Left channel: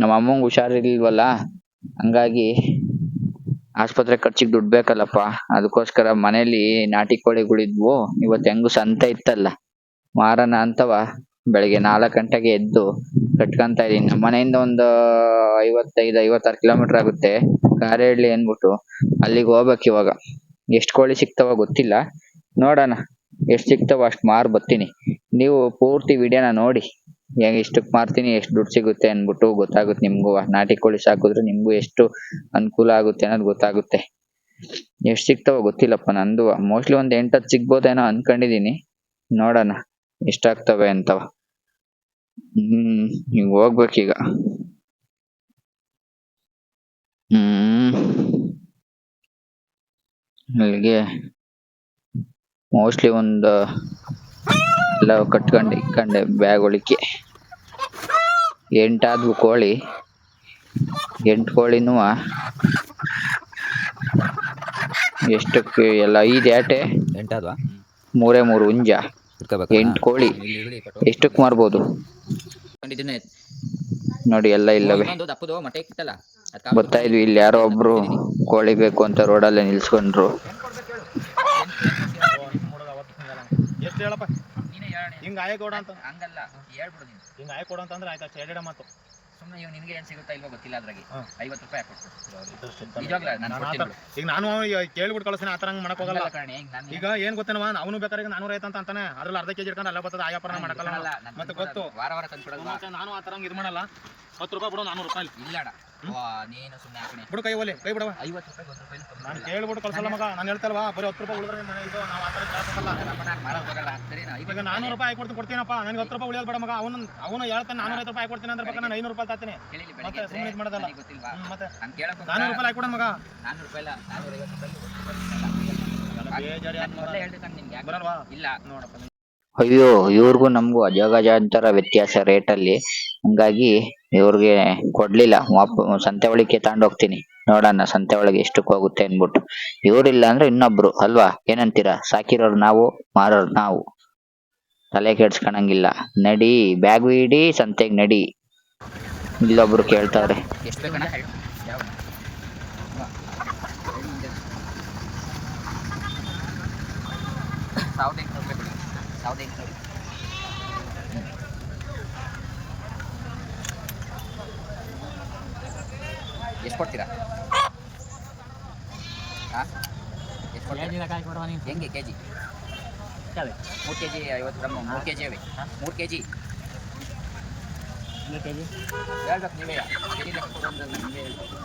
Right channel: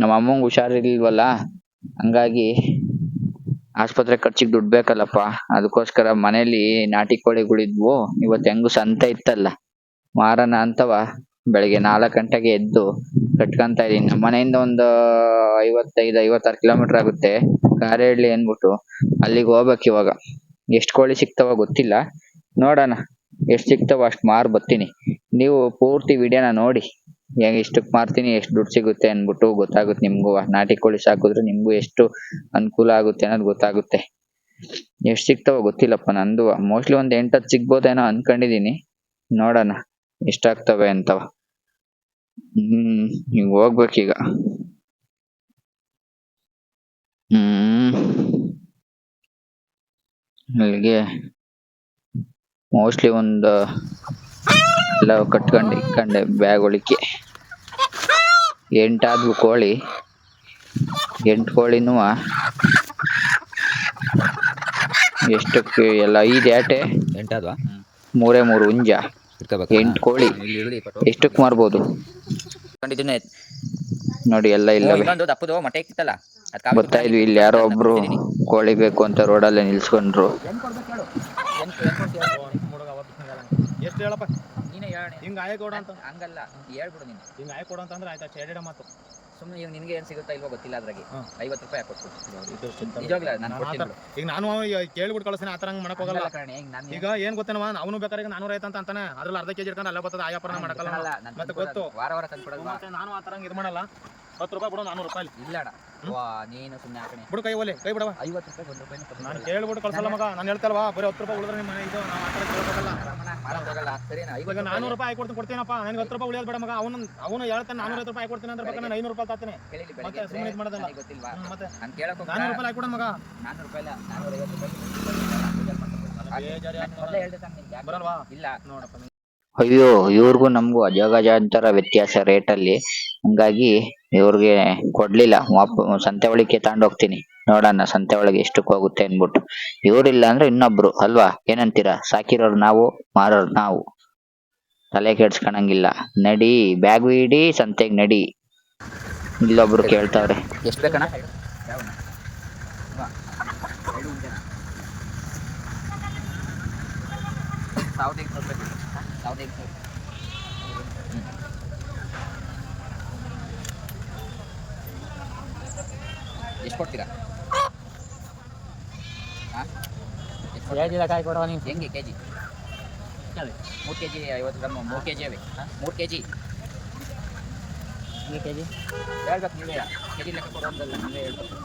ನಮ್ಮ ಅಮ್ಮಂಗ್ ಹುಷಾರಿರ್ಲಿಲ್ವಲ್ಲ ಹಂಗಾಗಿ ಆಸ್ಪತ್ರೆ ಖರ್ಚಿಗೆ ದುಡ್ಡು ಬೇಕಲ್ಲಪ್ಪ. ಅದಕ್ಕೋಸ್ಕರ ಮನೇಲಿ ನಾಟಿ ಕೋಳಿಗಳಿದ್ವು ಇವತ್ತು ಹೆಂಗು ಸಂತೆ ಇತ್ತಲ್ಲ. ಮಾರನ ಅಂತವ ಬೆಳಿಗ್ಗೆ ನಾಲ್ಕು ಗಂಟೆಗೆ ಎದ್ದು ಕಟ್ಕೊಂತ ಇದೀನಿ ನಮ್ಮ ಮನೆಯಿಂದ ಒಂದು ಐವತ್ತೈದು, ಐವತ್ತಾರು ಕಿಲೋಮೀಟರ್ ಆಗುತ್ತೆ. ಕಾರೇಹಳ್ಳಿ ಅಂದ್ಬಿಟ್ಟು ಅಲ್ಲಿಗೆ ಹೋಗ್ಬೇಕು ಇವಾಗ. ಎಷ್ಟು ಕೋಳಿ ಸಿಗ್ತಾವ ಗೊತ್ತಿಲ್ಲ. ನೋಡೋಣ. ಎಷ್ಟು ಸಿಗ್ತಾವ ಅಷ್ಟು ಮಾರು ಬರ್ತೀನಿ. ನೀವು ಪೂರ್ತಿ ವಿಡಿಯೋನ ನೋಡಿ. ಹೆಂಗ್ ಇಷ್ಟಕ್ ಮಾರ್ತೀನಿ, ಎಷ್ಟು ದುಡ್ಡು ಸಿಗುತ್ತೆ ಅನ್ಬಿಟ್ಟು ಗೊತ್ತಾಗುತ್ತೆ ನಿಮ್ಗೂ. ನಾಟಿ ಕೋಳಿ ಸಾಕಿದ್ರೆ ನಿಮಗೂ ಎಷ್ಟು ಅನುಕೂಲ ಆಗುತ್ತೆ ಅನ್ನೋದು ಗೊತ್ತಾಗುತ್ತೆ. ಎಷ್ಟು ಸಿಗ್ತಾವ ಗೊತ್ತಿಲ್ಲಪ್ಪ ನಂದು. ಮೋಸ್ಟ್ಲಿ ಒಂದ್ ಹತ್ತು ಸಿಗ್ಬೋದೇನೋ ಅನ್ಕೊಂಡಿದೀನಿ. ನೋಡೋಣ ಎಷ್ಟಾಗ್ತವೆ ಅಂತವ. ಹ್ಮ್ ಈಗ ಹೋಗ್ಬೇಕೀಗ. ಹ್ಮ್. ಮೋಸ್ಟ್ಲಿ ಒಂದು ಎಲ್ಲ ಕಟ್ಕೊಂಡು ಕಂಡೆ ಬ್ಯಾಗ್ ಒಳಿಕೆ ಎಂಟಾದ್ವು ಕೋಳಿ ಎಂಟು ಕೋಳಿನೂ ಎಷ್ಟಕ್ಕೆ ಎಲ್ಲ ಐದು ಏಟೆ ಎಂಟಾದ್ವಾ ಮೂರೇ ಮೂರು ಹುಂಜ ಇಟ್ಕೋಬೇಕು ಎಂಟು ಕೋಳಿ ಎಷ್ಟಕ್ಕೆ ಮಾರ್ಬೋದು ನೋಡಿ ಎಲ್ಲ ಇಲ್ಲವೆ ಗೊತ್ತಾ ಬರ್ತಾ ಇದ್ವಿ ಇಲ್ಲಿ ಯಾರೋ ಒಬ್ರು ಕೋಳಿ ಬೇಕು ಅಂತ ರೋಡಲ್ಲೇ ನಿಲ್ಸ್ಕೊಂಡ್ರು ಹಿಂಗ ಆಯ ಕೊಡ ಅಂತ. ಹಂಗಲ್ಲ ಹೇಳ್ಬಿಡು ನೀನು. ಹಿಂಗ ಆಯ ಕೊಡ ಅಂತಂದ್ರೆ ಆಯ್ತಾ ಹೇಳಿಡ ಮಾತು. ಸುಮ್ಮನೆ ಇವ್ ನಿನ್ಗೆ ಏನ್ ಸಿಗುತ್ತಾ ಇಲ್ವೋ ಗೊತ್ತಿಲ್ಲ ಅದ್ರಾಗೆ. ಐವತ್ ಐವತ್ತು ರೂಪಾಯಿ ಹಾಕೊಟ್ಬಿಡು. ಈಗ ನಾನು ಕೇಳ್ಬಿಟ್ಟು ಕಳ್ಸಿನ ಆತರ ಹಂಗ್ ಮಾಡಕ್ ಹೋಗಲ್ಲ. ಈಗ ಏನ್ ಗೊತ್ತೇನವ ಅವನು ಬೇಕಾದ್ರೆ ನಾನೂರ ಐತ ಅಂತ ಅಂತಾನೆ. ಅದ್ರಲ್ಲಿ ಅರ್ಧ ಕೆಜಿ ಇಟ್ಕೊಂಡು ಅಲ್ಲ ಬರ್ತದ ಆಯಾಪರ ಮಾಡಕಲ್ಲ ಮತ್ತೆ ಗೊತ್ತು. ವಾರ ವಾರ ಮತ್ತೆ ನಾನು ಆತರ ಇದ್ ಇದು ಮಾಡಲ್ಲ. ಹತ್ತು ರೂಪಾಯಿ ಬಿಡು ನಾನೂರು ರೂಪಾಯಿ ಇಲ್ಲ. ವಾ ನೀನು ಸುಮ್ಮನೆ ಹಾಕಣೆ ಬಿಡು ಕೈ ಒಲೆ ಕೈ ಬಿಡವ ಐವತ್ತು ರೂಪಾಯಿ ಒಂದು ರೂಪಾಯಿ ನಾನು. ಕೇಳ್ಬಿಟ್ಟು ಕಳ್ಸಲ್ಲ ಮಗ ನಾನು ಹೇಳ್ತಲ್ವಾ ಬರೀ ಹತ್ತು ರೂಪಾಯಿ ಉಳಿದ್ರೆ ನಿಮ್ಮ ಮನೆ ಇದು ನಾವು ಕೇಳ್ಬೇಕಲ್ಲ. ಮಾಡಕ್ ಹೋಗಲ್ಲ. ಸರಿನಾ? ಈಗ ನಾನೂರು ರೂಪಾಯಿ ಹಾಕೊಡ್ತೀನಿ ಕೊಡ್ತೀನಪ್ಪ. ನನಗೆ ಹತ್ತು ರೂಪಾಯಿ ಉಳಿಯೋದು ಬೇಡ ಮಗ. ಅವನು ಅವನು ಹೇಳ್ತಾನೆ ನಾನೂರ ರೂಪಾಯಿ ಕೊಡ್ತೀನಿ ಅಂದ್ರೆ ಬೇಕಾದ್ರೆ ನಾನು ಐನೂರು ರೂಪಾಯಿ ತಾತೀನಿ. ಮತ್ತೆ ಸುಮ್ಮನೆ ಇದು ಮಾಡೋದಲ್ಲ. ಗೊತ್ತಿಲ್ವಾ? ಮತ್ತೆ. ನಾನೂರು ರೂಪಾಯಿ ಹಾಕೊಡ ಮಗ. ನಾನ್ನೂರು ರೂಪಾಯಿ ಇಲ್ಲ ನಾನ್ನೂರ ಐವತ್ತು ರೂಪಾಯಿ? ಬರಲ್ವಾ? ಇಲ್ಲ. ನೋಡಪ್ಪ. ಅಯ್ಯೋ ಇವ್ರಿಗೂ ನಮಗೂ ಅಜಗಜಾಂತರ ವ್ಯತ್ಯಾಸ ರೇಟಲ್ಲಿ ಹಂಗಾಗಿ ಇವ್ರಿಗೆ ಕೊಡ್ಲಿಲ್ಲ. ವಾಪ ಸಂತೆ ಒಳಗೆ ತಗೊಂಡೋಗ್ತೀನಿ ನೋಡೋಣ ಸಂತೆ ಒಳಗೆ ಎಷ್ಟಕ್ಕೆ ಹೋಗುತ್ತೆ ಅನ್ಬಿಟ್ಟು ಇವ್ರಿಲ್ಲ ಅಂದ್ರೆ ಇನ್ನೊಬ್ರು, ಅಲ್ವಾ? ಏನಂತೀರಾ? ಸಾಕಿರೋರು ನಾವು, ಮಾರೋರು ನಾವು. ತಲೆ ಕೆಡ್ಸ್ಕೊಳಂಗಿಲ್ಲ ನಡಿ, ಬ್ಯಾಗ್ ಇಡಿ, ಸಂತೆಗೆ ನಡಿ. ಇಲ್ಲೊಬ್ರು ಕೇಳ್ತಾವ್ರೆ. ಸಾವಿರದ ಎಂಟುನೂರು. ಸಾವಿರದ ಎಂಟುನೂರು ಎಷ್ಟು ಕೊಡ್ತೀರಾ? ಹಾಂ? ಹೆಂಗೆ ಕೆ ಜಿ ಮೂರು ಕೆ ಜಿ ಐವತ್ತು ಗ್ರಾಮ್ ಮೂರು ಕೆ ಜಿ ಅವೆ. ಮೂರು ಕೆ ಜಿ ಹೇಳ್ಬೇಕು ನೀವೇ. ಕೆ ಜಿ ಲೆಕ್ಕ ಕೊಡೋದಲ್ಲ ನೀವೇ ಹೇಳ್ಬೇಕು.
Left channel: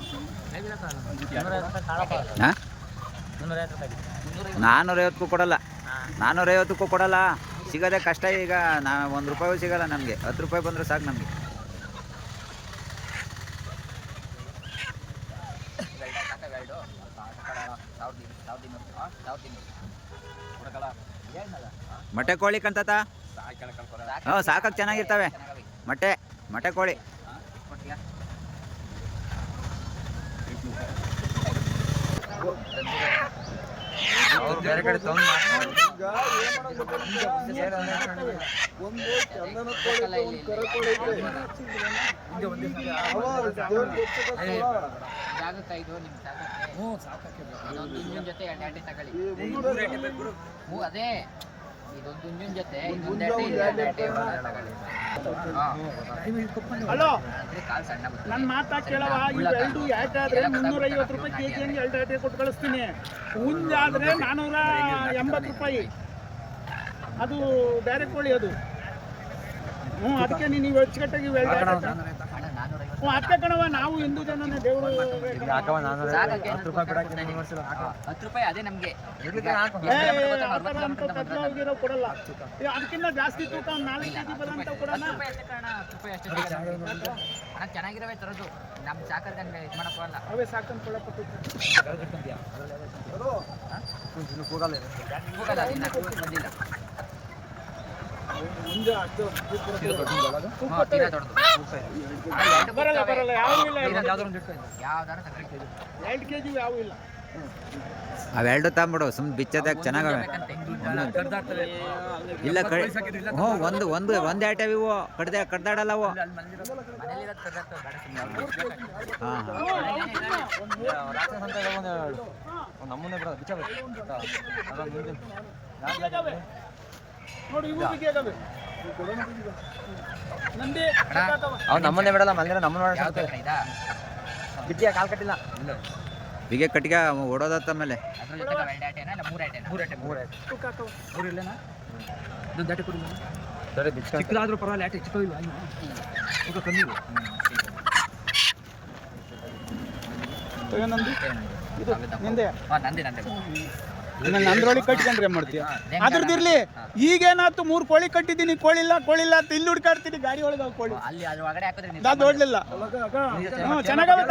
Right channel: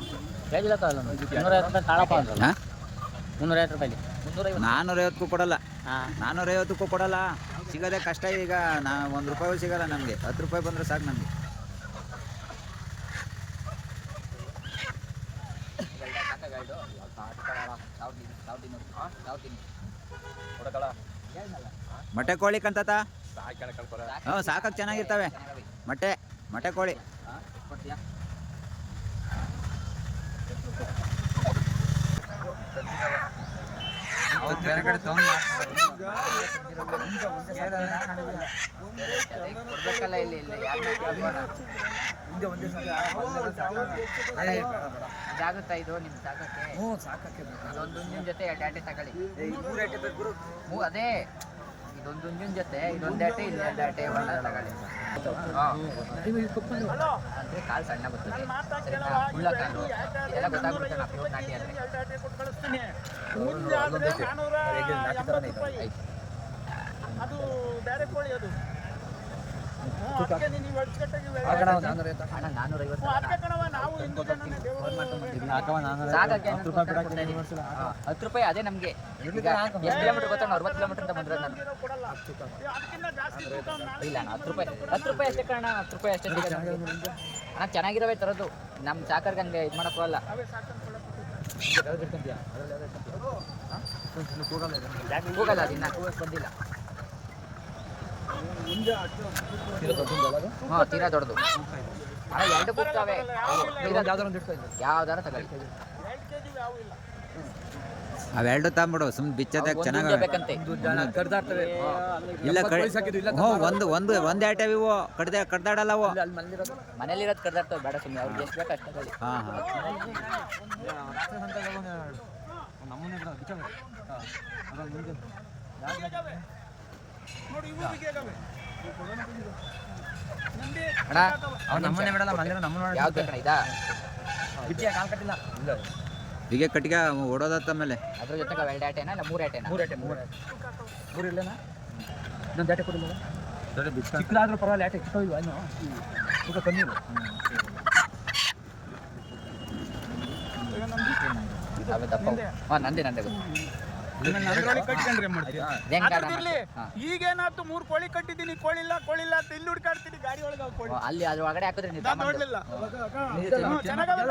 ಹಾಂ? ಮುನ್ನೂರೈವತ್ತು ನಾನ್ನೂರೈವತ್ತಕ್ಕೂ ಕೊಡಲ್ಲ. ನಾನ್ನೂರೈವತ್ತಕ್ಕೂ ಕೊಡಲ್ಲ. ಸಿಗೋದೇ ಕಷ್ಟ ಈಗ ನಾ ಒಂದು ರೂಪಾಯಿ ಸಿಗಲ್ಲ ನಮಗೆ. ಹತ್ತು ರೂಪಾಯಿ ಬಂದರೆ ಸಾಕು ನಮಗೆ. ಸಾವಿರದ ಇನ್ನೂರು ಸಾವಿರದ ಇನ್ನೂರು ಸಾವಿರದ ಇನ್ನೂರು ಕೊಡಕಲ್ಲ ಹೇಳ್ನಲ್ಲ ಮೊಟ್ಟೆ ಕೋಳಿ ಕಂತತ? ಕಳ್ಕೊಳ ಹ್ಞೂ ಸಾಕಾಗಿ ಚೆನ್ನಾಗಿರ್ತವೆ. ಚೆನ್ನಾಗವೆ ಮೊಟ್ಟೆ ಮೊಟ್ಟೆ ಕೋಳಿ. ಹಾಂ ಎಷ್ಟು ಕೊಡ್ತೀಯಾ ಇಲ್ಲಿ ಇದು ಸಾಕಕ್ಕೆ ಹ್ಞೂ ಇನ್ನೊಂದು ಹುಂಜಿನ ಜೊತೆ ತಗೊಳ್ಳಿ ಹ್ಞೂ ಅದೇ, ಇದೊಂದು ಹುಂಜಿನ ಜೊತೆ, ಇನ್ನೊಂದು ಆಟೆ ಇಲ್ಲಿ ಎರಡು ತಗೊಳ್ಳಿ ಅದು ಡೈರೆಕ್ಟ್ ಕೋಳಿ ಅದು ಹತ್ತು ರೂಪಾಯಿ ಅದೇ ನಮ್ಗೆ ಅರವತ್ತು ಕಿಲೋಮೀಟರ್ ಬಂದ್ರೆ ಇಲ್ಲ ಹತ್ತು ರೂಪಾಯಿ. ಹತ್ತು ರೂಪಾಯಿ ಅಷ್ಟೇ ಕಾರಣ ಹತ್ತು ರೂಪಾಯಿ ಅಷ್ಟೇ ನಾನು ಚೆನ್ನಾಗಿರೋವೇ ತರೋದು. ನಮ್ಮ ಸಾಕರ್ಗೆ ಹಂಗೆ ಇದು ಮಾಡಕ್ ಹೋಗಲ್ಲ. ಅವೇ ಸಾಕಂತ ಕೊಡಕ್ಕೆ ಹೋಗಲ್ಲ ಅದು ಇನ್ನ ಬಂದಿಲ್ಲ. ಹಾಂ ತೀರಾ ದೊಡ್ಡದು. ಎರಡು ಯಾವ್ದಾರ ಇಲ್ಲ ಅವೆರಡು ತಗೊಂಬಿಡು ಸುಮ್ಮನೆ ಬಿಚ್ಚದಾಗ ಚೆನ್ನಾಗವೆ ಇಲ್ಲ. ಕಡೆ ಹ್ಞೂ ಒಂದು ಒಂದು ಒಂದು ಐಟಮ್ ಇವು. ಕಡ್ದೆ ಕಡ್ದಾಡಲ್ಲ ಅವು. ಹಾಂ ಹಾಂ. ನೋಡಿ ಇವರಿಗೆ ಅದು. ನಂದಿ ಅಣ್ಣ ಅವ್ನು ನಮ್ಮನ್ನೇ ಬಿಡಲ್ಲ ಮಲ್ಲಿರ ನಮ್ಮನ್ನ ಬೇಕಣ್ಣ ಇದಾ? ಬಿಟ್ಟಿಯ ಕಾಲ್ ಕಟ್ಟಿಲ್ಲ. ಇಲ್ಲ ಹೀಗೆ ಕಟ್ಟಿಗೆ ಓಡೋದತ್ತ ಮೇಲೆ ಅದ್ರ ಜೊತೆಗೆ ಎರಡು ಆಟೆನಾ ಇಲ್ಲ ಮೂರು ಆಟೆನಾ? ಮೂರು ಮೂರು ಮೂರು ಇಲ್ಲೇನಾ ಇನ್ನೊಂದು ಆಟೆ ಕೊಡಿಲ್ಲ ಚಿಕ್ಕದಾದ್ರೂ ಪರವಾಗಿಲ್ಲ ಆಟೆ ಚಿಕ್ಕ ಇಲ್ವಾ ಇನ್ನು? ತೂಕ ಕಮ್ಮಿ ಇಲ್ಲ ನಿಂದೆ? ನಂದಿ. ಕಟ್ಕೊಂಡ್ರೆ ಏನ್ ಅದ್ರದಿರ್ಲಿ ಹಾ. ಈಗೇನಾಯ್ತು ಮೂರ್ ಕೋಳಿ ಕಟ್ಟಿದೀನಿ ಕೋಳಿ ಇಲ್ಲ ಕೋಳಿ ಇಲ್ಲ ಅಂತ ಇಲ್ಲಿ ಹುಡ್ಕಾಡ್ತೀನಿ ಗಾಡಿ ಒಳಗೆ ಕೋಳಿ. ಅಲ್ಲಿ ಅದ್ರ ಒಳಗಡೆ ಹಾಕಿದ್ರೆ ನೀವು ಅದು ಓಡ್ಲಿಲ್ಲ ಹ್ಮ್, ಚೆನ್ನಾಗವೆ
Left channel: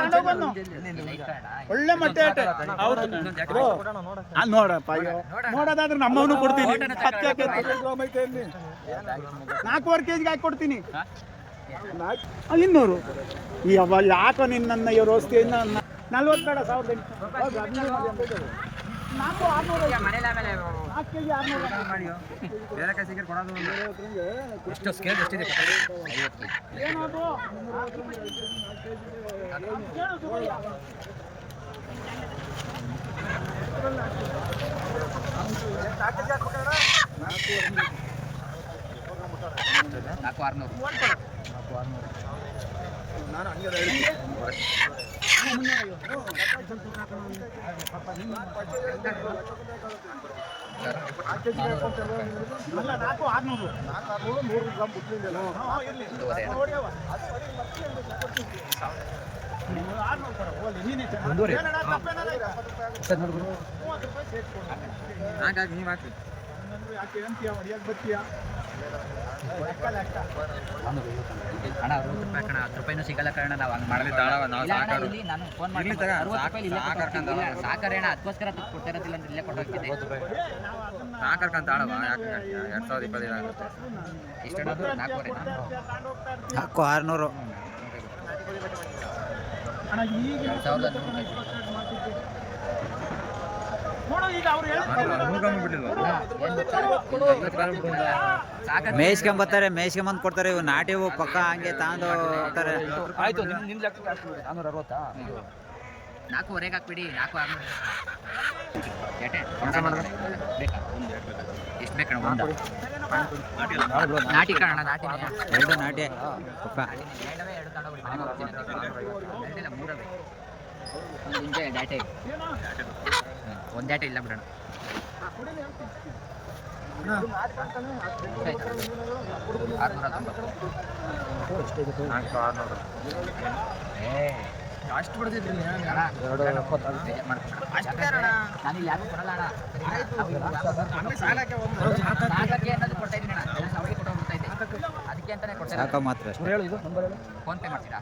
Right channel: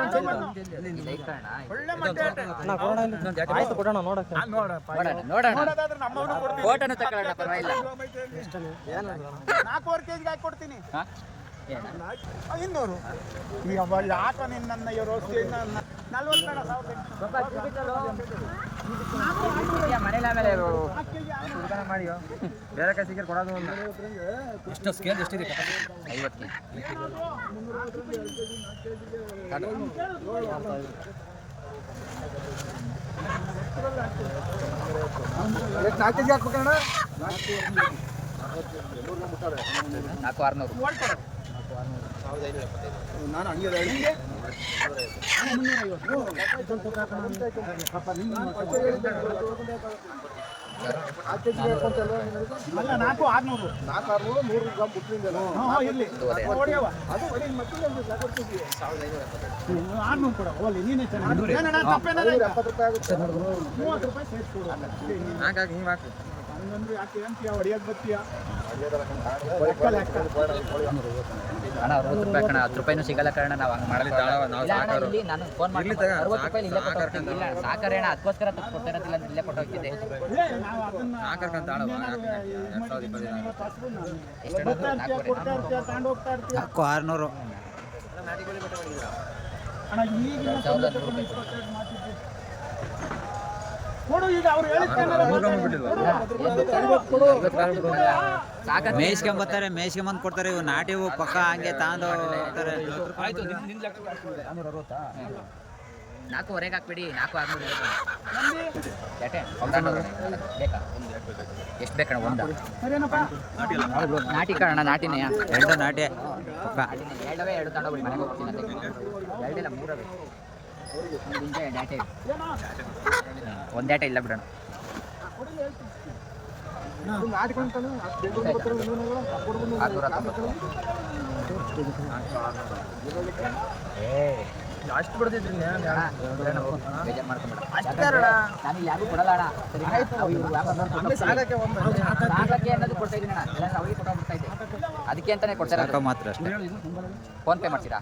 ಒಳ್ಳೆ ಮತ್ತೆ ಆಟ. ನೋಡಪ್ಪ ನೋಡೋದಾದ್ರೆ ನಮ್ಮವನು ಕೊಡ್ತೀನಿ. ನಾಲ್ಕೂವರೆ ಕೆಜಿಗೆ ಹಾಕಿ ಕೊಡ್ತೀನಿ. ಇನ್ನೂರು. ಯಾಕೋ ನಿನ್ನ ಇವ್ರ ವಸ್ತಿಯನ್ನ ನಲ್ವತ್ತು ಸಾವಿರದ ಆರ್ನೂರು. ಬೇರೆ ಕೊಡೋದು ಎಷ್ಟು ಸ್ಕೇಲ್ ಎಷ್ಟಿದೆ ಐವತ್ತು? ನಾಲ್ಕು ನಾಲ್ಕು ಕೆಜಿ ಹಾಕ್ಬೇಕಣ್ಣ ನಾಲ್ಕು ಆರ್ನೂರು ನಾಲ್ಕು ಆರುನೂರು ಅಲ್ಲ ಹಾ, ಆರ್ನೂರು ಕೊಡ ಹೋಗಲಿ ನೀನೇ ಚೆನ್ನಾಗಿ ಈಗ? ಮೂವತ್ತು ರೂಪಾಯಿ ಸೇರಿಸ್ಕೊಡು ಹಾಗಾಗಿ ಹಿಂಗೆ ಹಾಕ್ರಿ ಯಾಕೆ ಅಂತೀಯ ಬರ್ತೀಯ? ಅಣ್ಣ ಅರವತ್ತು ರೂಪಾಯಿ ಕಣ ಹತ್ತು ರೂಪಾಯಿನೂ ಸಿಗಲ್ಲ ಕಾರಣ ನಾವು ಹಂಗೆ ಮಾಡಲ್ಲ ತಾಳವ, ನಾವು ಸಾಕಾರು. ಇಲ್ಲಿ ನಾನು ಫೋನ್ ಮಾಡಿ ಸಾಕಾರೆ ಅಣ್ಣ ಅದಕ್ಕೋಸ್ಕರ ಅಂದ್ರೆ ಇಲ್ಲೇ ಕೊಟ್ಟು ಹೋಗ್ತಿದ್ದೆ ಏ, ನಾವು ಅದನ್ನ ನಾಲ್ಕರ್ಕಂತ ಯಾಕೆ ಎರಡು ಸಾವಿರದ ಇಪ್ಪತ್ತೈದು ಆಗುತ್ತೆ. ಎಷ್ಟು ಅಣ್ಣ ನಾಲ್ಕೂವರೆ ಆರುನೂರು. ಎರಡು ಸಾವಿರದ ನೂರು ರೂಪಾಯಿ ಕೊಡಿ ನೋಡು ಬರ್ತಾರೆ ಅವ್ರು ಹೇಳಿದ ನೂರು ಗ್ರಾಮ್ ಬಿಟ್ಟಿಲ್ವಾ ಅಣ್ಣ ಏನು ಗೊತ್ತಾ ಐವತ್ತು ಗ್ರಾಮ್ ಬಿಡು ಒಂದು ಸಾಕಾದ್ರೆ ಮೇಯ್ಸ್ಕೊಂಬತ್ತಾರೆ ಮೇಯ್ಸ್ಕೊಂಬಂದು ಕೊಡ್ತಾರೆ ಇವು ನಾಟಿ ಇವು ಪಕ್ಕ ಹಂಗೆ ತಾಂದು ಹೋಗ್ತಾರೆ. ಹಾಕ್ಬಿಡು. ನಾಲ್ಕೂವರೆಗೆ ನಾಲ್ಕು ಆರ್ನೂರು ಬೇಕಾ? ಎಷ್ಟು ಬೇಕಣ ಒಂದು? ನಾಟಿ ಕಾರಣ ನಾಟಿನೇ. ಎರಡು ನಾಟಿ. ಪಕ್ಕ. ಎರಡವೇ ಎರಡು ಮೂರವೇ ಡಾಟೆ ಒಂದು ಡಾಟೆ ಇಲ್ಲ ಬಿಡೋಣ. ಆರ್ನೂರ. ತೊಂಬತ್ತು ನಾಲ್ಕು ಆರುನೂರು ಏ ಅಷ್ಟು ಬಿಡ್ತಿದ್ರಿ ನಾನು ಯಾರಿಗೂ ಕೊಡಲ್ಲ ಅದಕ್ಕೆ ಅಂತಾನೆ ಕೊಡ್ತಾರೆ ಫೋನ್ ಪೇ ಮಾಡ್ತೀರಾ?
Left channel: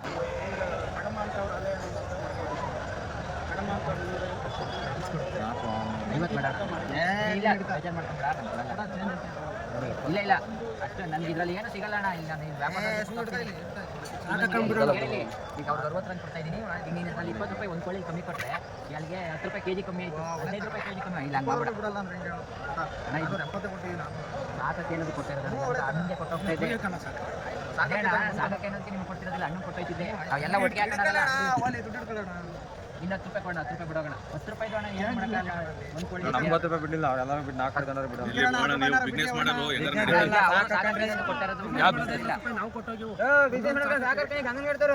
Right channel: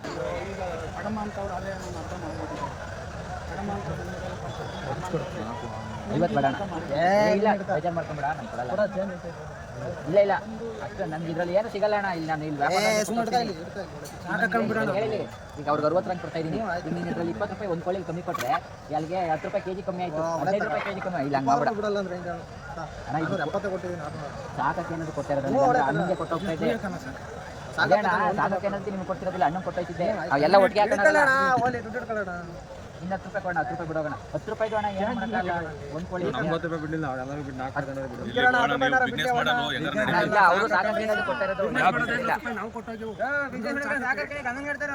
ನಾಲ್ಕು ಆರುನೂರು ಐವತ್ತು ಬೇಡ ಏ, ಇಲ್ಲ. ಬೇಜಾರು ಮಾಡ್ಕೊಂಬೇಡ ನಾನು ಕೊಡಲ್ಲ. ಇಲ್ಲ ಇಲ್ಲ. ಅಷ್ಟೇ ನನ್ಗೆ ಇದ್ರಲ್ಲಿ ಏನು ಸಿಗಲ್ಲ ಅಣ್ಣ. ಇಲ್ಲ ನಾನು ಇಲ್ಲಿ. ಈಗ ಅವ್ರಿಗೆ ಅರವತ್ತು ರೂಪಾಯಿ ಕೊಡ್ತಾ ಇದೀನಿ. ಈಗ ನೀನು ಇದ್ರಲ್ಲಿ ಇಪ್ಪತ್ತು ರೂಪಾಯಿ ಒಂದು ಕೋಳಿ ಕಮ್ಮಿ ಕೊಟ್ರೆ ಅಲ್ಲಿಗೆ ಹತ್ತು ರೂಪಾಯಿ ಕೆಜಿ ಕಮ್ಮಿ ಆಯ್ತು. ಹದಿನೈದು ರೂಪಾಯಿ ಕೆಜಿ ಕಮ್ಮಿ ಇಲ್ಲ ಹಂಗೆ ಮಾಡ್ಬೇಡ. ಬಿಡಲ್ಲ ಅಂದ್ರೆ ಅಣ್ಣ ಇದು ಎಪ್ಪತ್ತು ಕೊಟ್ಟಿದ್ದೀನಿ ಸಾಕ ಕೇಳಿದ್ರು ಕೊಡ್ತಾ ಇರೋದಿಲ್ಲ ಹಂಗೆ ಕೊಟ್ಟು ಹೋಗ್ತಾ ಇದ್ದೆ ಅದೇ ಅಣ್ಣ ಸಾಕಕ್ಕೆ ಅನ್ನೋದಕ್ಕೆ ನಿಮ್ಗೆ ಕೊಡ್ತಿರೋದಿಲ್ಲ ಅಣ್ಣ ಕೊಟ್ಟೋಯ್ತಿದ್ದೆ. ಎಲ್ಲ ಒಟ್ಟಿಗೆ ಹಾಕೋಣ ಇನ್ನು ಹತ್ತು ರೂಪಾಯಿ ಕೊಡೋಣ ಹತ್ತು ರೂಪಾಯಿ ಬಿಡೋಣ ಹತ್ತು ರೂಪಾಯಿ ಅಣ್ಣ ಏನು ಮಾಡೋಕ್ಕಲ್ಲ ಒಂದು ಕೋಳಿ ನಮ್ಗೊತ್ತು ರೂಪಾಯಿ ಬಿಡಲಿಲ್ಲ ಅವ್ರೆಲ್ಲರೂ ಬಿಟ್ಟು ನಾಲ್ಕು ಜನರು ಬಿಡು ಬಿಸ್ನೆಸ್ ಮಾಡೋದು ಎಲ್ಲರೂ ಇಲ್ಲ, ಅವ್ರು ಅದು. ನಾವು ಕೊಟ್ಟೋಗಿ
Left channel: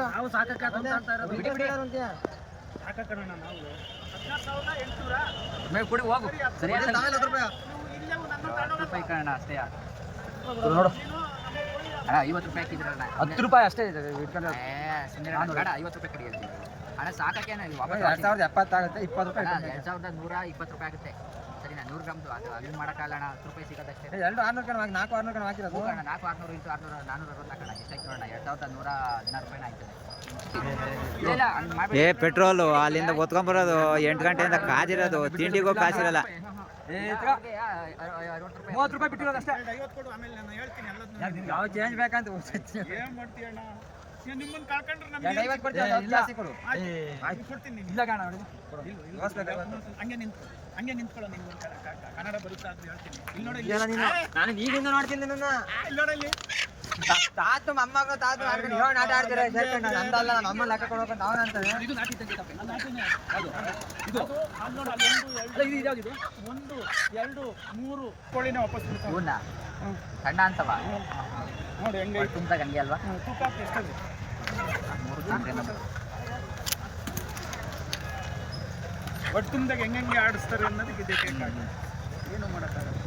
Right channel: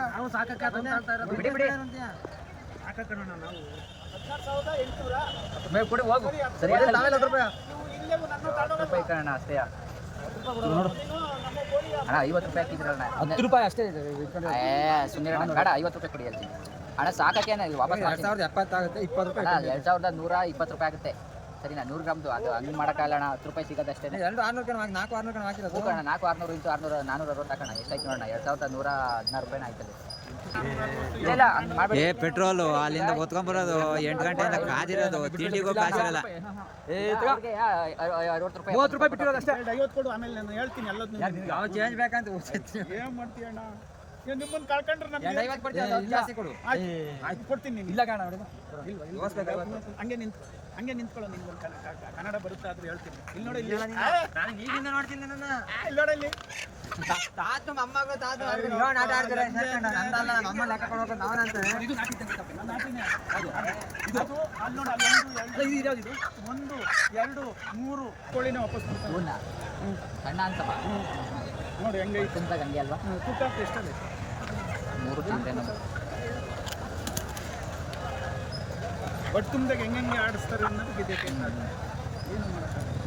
ನಾವು ಸಾಕಕ್ಕೆ ಬಿಡಿ ಬಿಡಿ. ಸಾಕಣ ನಾವು. ಹದಿನಾರು ಸಾವಿರದ ಮೇಲೆ ಕೊಡಿ ಹೋಗು. ಸರಿ ಆಯ್ತಲ್ಲ? ಹತ್ತು ರೂಪಾಯಿ ಇಲ್ಲೇ ನನ್ನ ಹತ್ತು ರೂಪಾಯಿ ಕಣ ಅಷ್ಟೇ ನೋಡು ಅಣ್ಣ ಐವತ್ತು ರೂಪಾಯಿ ಹಾಕಿದ್ರಣ್ಣ ಹತ್ತು ರೂಪಾಯಿ ಅಷ್ಟೇ ಇಟ್ಕೊಂಡು ಸುಮ್ಮನೆ ಐವತ್ತು ರೂಪಾಯಿ ಕಡಿ ಹೇಳ್ತೀನಿ ಅಣ್ಣ ಸಾಕಕ್ಕೆ ನಾನು ವಾಪಸ್ ಎರಡು ಸಾವಿರದ ಎಪ್ಪತ್ತಾಗುತ್ತೆ ಇಪ್ಪತ್ತು ರೂಪಾಯಿ ಎರಡು ಸಾವಿರದ ನೂರ ಇಪ್ಪತ್ತು ರೂಪಾಯಿ ಆಗುತ್ತೆ ಸರಿನಾ ನೂರು ಗ್ರಾಮ್ದು ಅದು ಅಲ್ಲಿ ಮಾಡೋಕ್ಕಲ್ಲ ಅಣ್ಣ ಹತ್ತು ರೂಪಾಯಿ ಸಿಗೋದಷ್ಟೇ ಎರಡು ಆರ್ನೂರು ಕಣ ಹಾಕಿ ನಾಲ್ಕು ಆರ್ನೂರು ಕಣ ಹಾಕಿರೋದು ಅಣ್ಣ ನಾಲ್ಕು ಆರ್ನೂರು ಇಂಟು ಆರ್ನೂರು ನಾನೂರ ಅರವತ್ತು ಹಾಕೋಣ ಎಷ್ಟಾಯ್ತು ನೋಡೋಣ ಎರಡು ಸಾವಿರದ ನೂರ ಹದಿನಾರು ರೂಪಾಯಿನ ಆಯ್ತದೆ ಏ ಪೆಟ್ರೋಲು ಅಲ್ಲಿಂದ ಒತ್ಕೊಂಬರೋದು ಎಂಟು ಗಂಟೆಯಿಂದ ಕಾದಿರೋದು ತಿಂಡಿಗೂ ಕಾಸಿರಲ್ಲ ರೂಪಾಯಿ ಮೂವತ್ತು ರೂಪಾಯಿ ಬಿಟ್ಟಿರೋದು ಅಷ್ಟೇ ಕೊಡು ಆಮೇಲೆ ನಾನು ಹೇಳ್ತೀನಿ ಎಲ್ಲದನ್ನೂ ಯಾಕೆ ಯಾವ ಚೇಂಜ್ ಬೇಕಂತ ಏನ್ ಮಾಡ್ತೀಯಣ್ಣ ಈಗ ನಿಮ್ಮನ್ನ ಕಳ್ಕೊಂಡ್ರೆ ಎರಡು ನಮ್ಗೆ ಐವತ್ತು ಕೊಡ್ತೀನಿ ಏ, ಇಲ್ಲ. ಜಾಸ್ತಿ ಕೊಡು. ಆಯ್ತು. ಕೊಡ್ತೀನಿ ಕಾಣ ಹಂಗೆ ನಿಂತ್ಕೊ. ಹಂಗೆ ನಿಂತ್ಕೊಳ್ಳೋ ನಿಮ್ಗೆ ಕನ್ನಡ ಬರುತ್ತೆ ಆದ್ರೂ ಹೇಳ್ತೀನಿ. ಇಲ್ಲಿ ನೋಡಿ ಇಲ್ಲ. ನೀನು ನಾನು ಈಗಿಂದ ನೋಡ್ತೀನಿ ನಿನ್ನ ಇಲ್ಲಿ ತಾತು ಮೊಮ್ಮಗಳು ತಾತು ಆಟ ಆಡ್ತಾರೆ ನಮ್ಮ ಲೆಕ್ಕ ಇದು ನಾಟಿ ಅಲ್ಲಿ ನೋಡಿ ಅಲ್ಲಿ ಒಂದು ಎರಡು ಒಂದು ಮೂರು ಕೋಳಿನ ವಾಪಸ್ ಬಿಡ್ತಾವೆ. ಸಣ್ಣ ಅಂತವ. ನೋಡಿ ಹೆಂಗೆ ತುಂಬ ಹಂಗೆ ಅಲ್ವಾ? ತೂಕ ಎಷ್ಟದೆ ಮೂರು ಬಟ್ ನಮ್ಮ ಒಟ್ಟು ತುಂಬ್ದಾಗ ಹೆಂಗೆ ಹೆಂಗೆ ಆಡಿಸ್ತಾರೆ ಅನ್ನೋದಕ್ಕೆ ಇದಕ್ಕೆ ಏನು ಮಾಡೋಕ್ಕಾಗಲ್ಲ.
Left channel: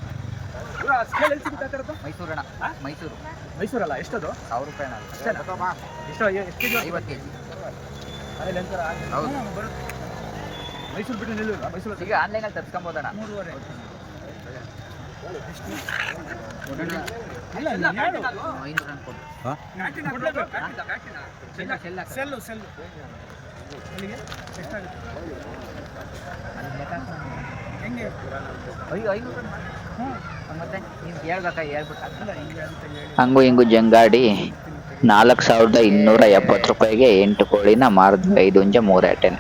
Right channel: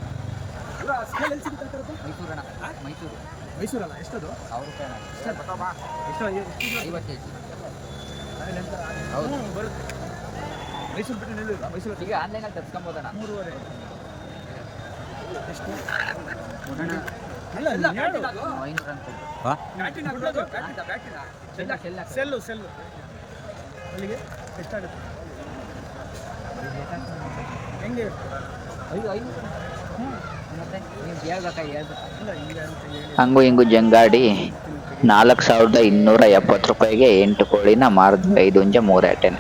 ಇವರು ಆ ಸ್ಕೇಲ್ ಎಲ್ಲಿ ಸಿಗುತ್ತೆ ಆ ಥರದ್ದು? ಮೈಸೂರಣ ಮೈಸೂರು. ಮೈಸೂರಲ್ಲ ಎಷ್ಟದು? ಸಾವಿರ ರೂಪಾಯಿ ಅಷ್ಟೇನಾ ಎಷ್ಟು ಎಷ್ಟು ಐವತ್ತು ಕೆ ಜಿ ಹೌದು. ಬರುತ್ತೆ. ಮೈಸೂರು ಬಿಟ್ಟು ನಿಲ್ಲಿಲ್ಲ ಮೈಸೂರು ಈಗ ಆನ್ಲೈನಲ್ಲಿ ತರ್ಸ್ಕೊಂಬೋದಣ್ಣ ಮೂರುವರೆ ಎಷ್ಟು ಅಲ್ಲ ನೀನ್ ಹೇಳು ಐನೂರ ಕೊಡು ಬ್ಯಾಟಿನ ಕೊಡ್ಲೇಬೇಕು. ಬ್ಯಾಟಿನ ಸೆಲ್ಲ ಸೆಲ್ಲ ಅಲ್ಲಿಗೆ ಎಷ್ಟಾಗುತ್ತೆ ಹೆಂಗೆ ಐದು ಐನೂರು ಹ್ಞೂ ಮತ್ತೆ ನೀವು ಹಿಂಗೆ ಅಂತ ಹೇಳಿ ಹಂಗು ಹಿಂಗು ಜಂಗಾಡಿ ನಾಲ್ಕು ಸಾವಿರದ ಇನ್ನೂರ ಎಪ್ಪತ್ತು ರೂಪಾಯಿಗೆ ಎಂಟು ಕೋಳಿನ ಮಾರಿದ್ವಿ ಐದು ಹುಂಜ ಮೂರು ಎಟೆನ